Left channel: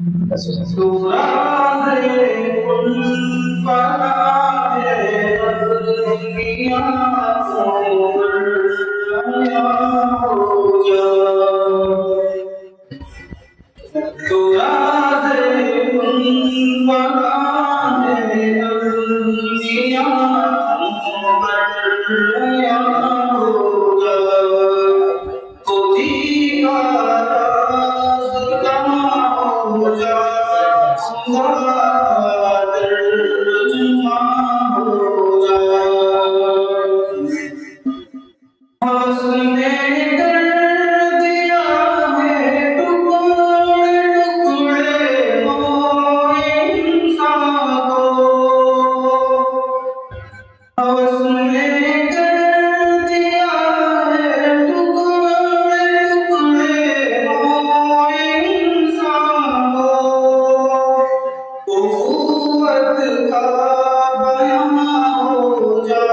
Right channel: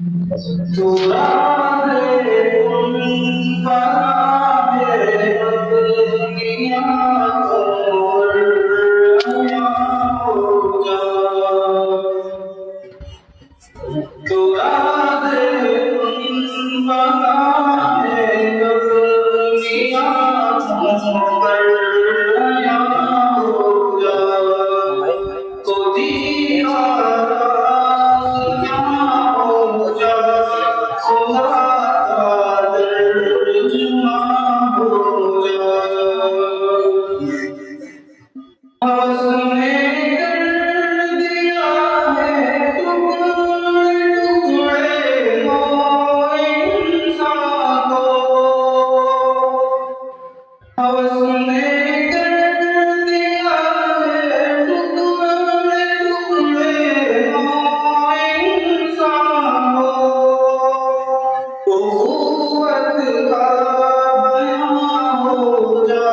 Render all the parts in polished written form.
तो राज़े उन फ़राज़े दुनिया और आया हो जा। तो राज़े उन फ़राज़े दुनिया पर आया हो जा। तो दीवार क्या हो जा, खुदा का तर्जुमा हो जा। उसने कर दिया है टुकड़े टुकड़े मोए इंसान को। उसने कर दिया है टुकड़े टुकड़े मोए इंसान को। उख़्वत का बयां हो जा,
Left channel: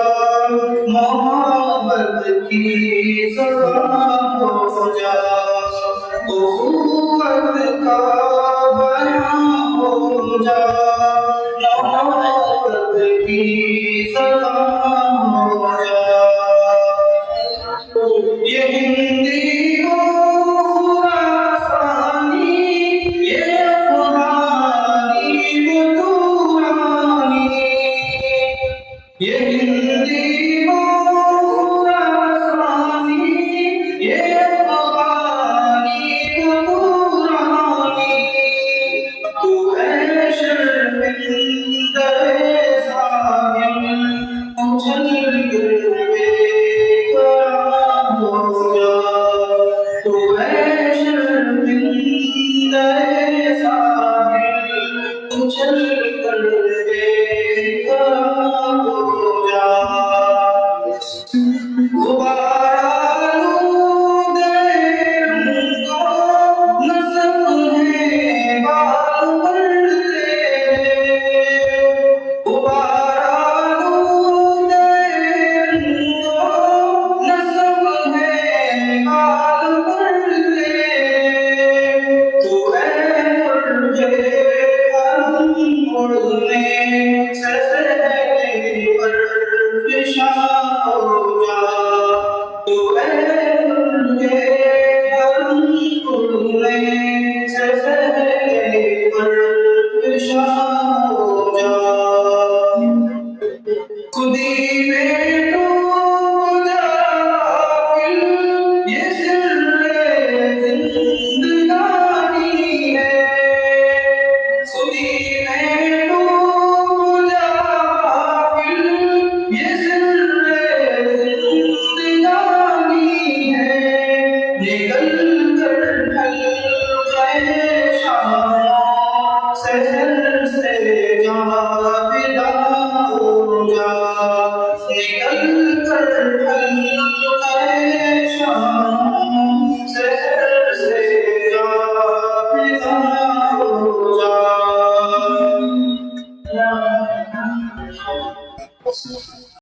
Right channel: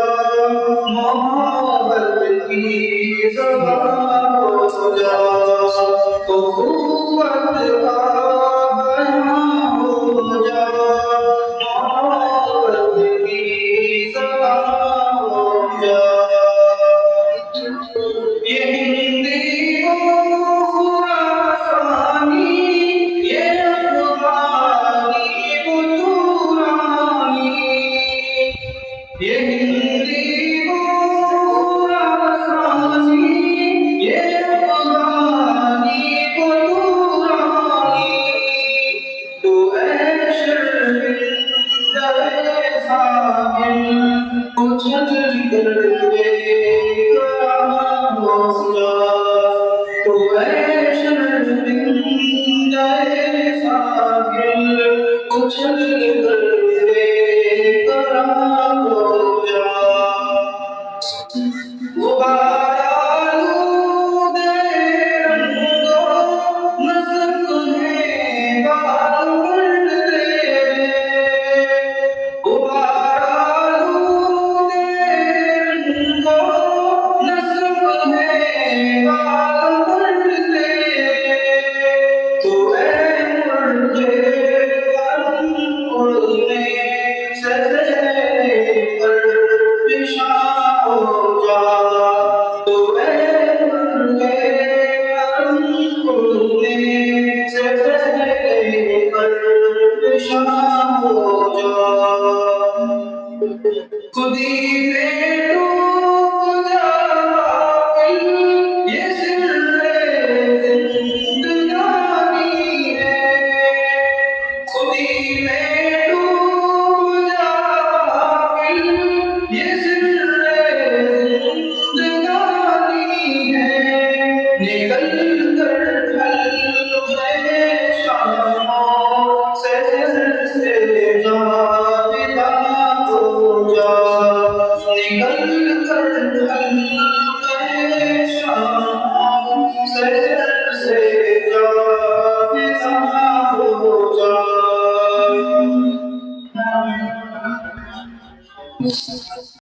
मोहब्बत की ज़बां हो जा। उख़्वत का बयां हो जा, मोहब्बत की ज़बां हो जा। ये हिंदी हो खुरासानी, ये अफ़गानी वो तूरानी। ये हिंदी हो खुरासानी, ये अफ़गानी वो तूरानी। तू है शर्मिंदा-ए साहिल, उछल कर बेकरार हो जा। तू है शर्मिंदा-ए साहिल, उछल कर बेकरार हो जा। गुबारा आलूदे रंगों नस्म है बाल पर तेरे। गुबारा आलूदे रंगों नस्म है बाल पर तेरे। तू है मुर्गे हम उड़ने से पहले पर फिशा हो जा। तू है मुर्गे हम उड़ने से पहले पर फिशा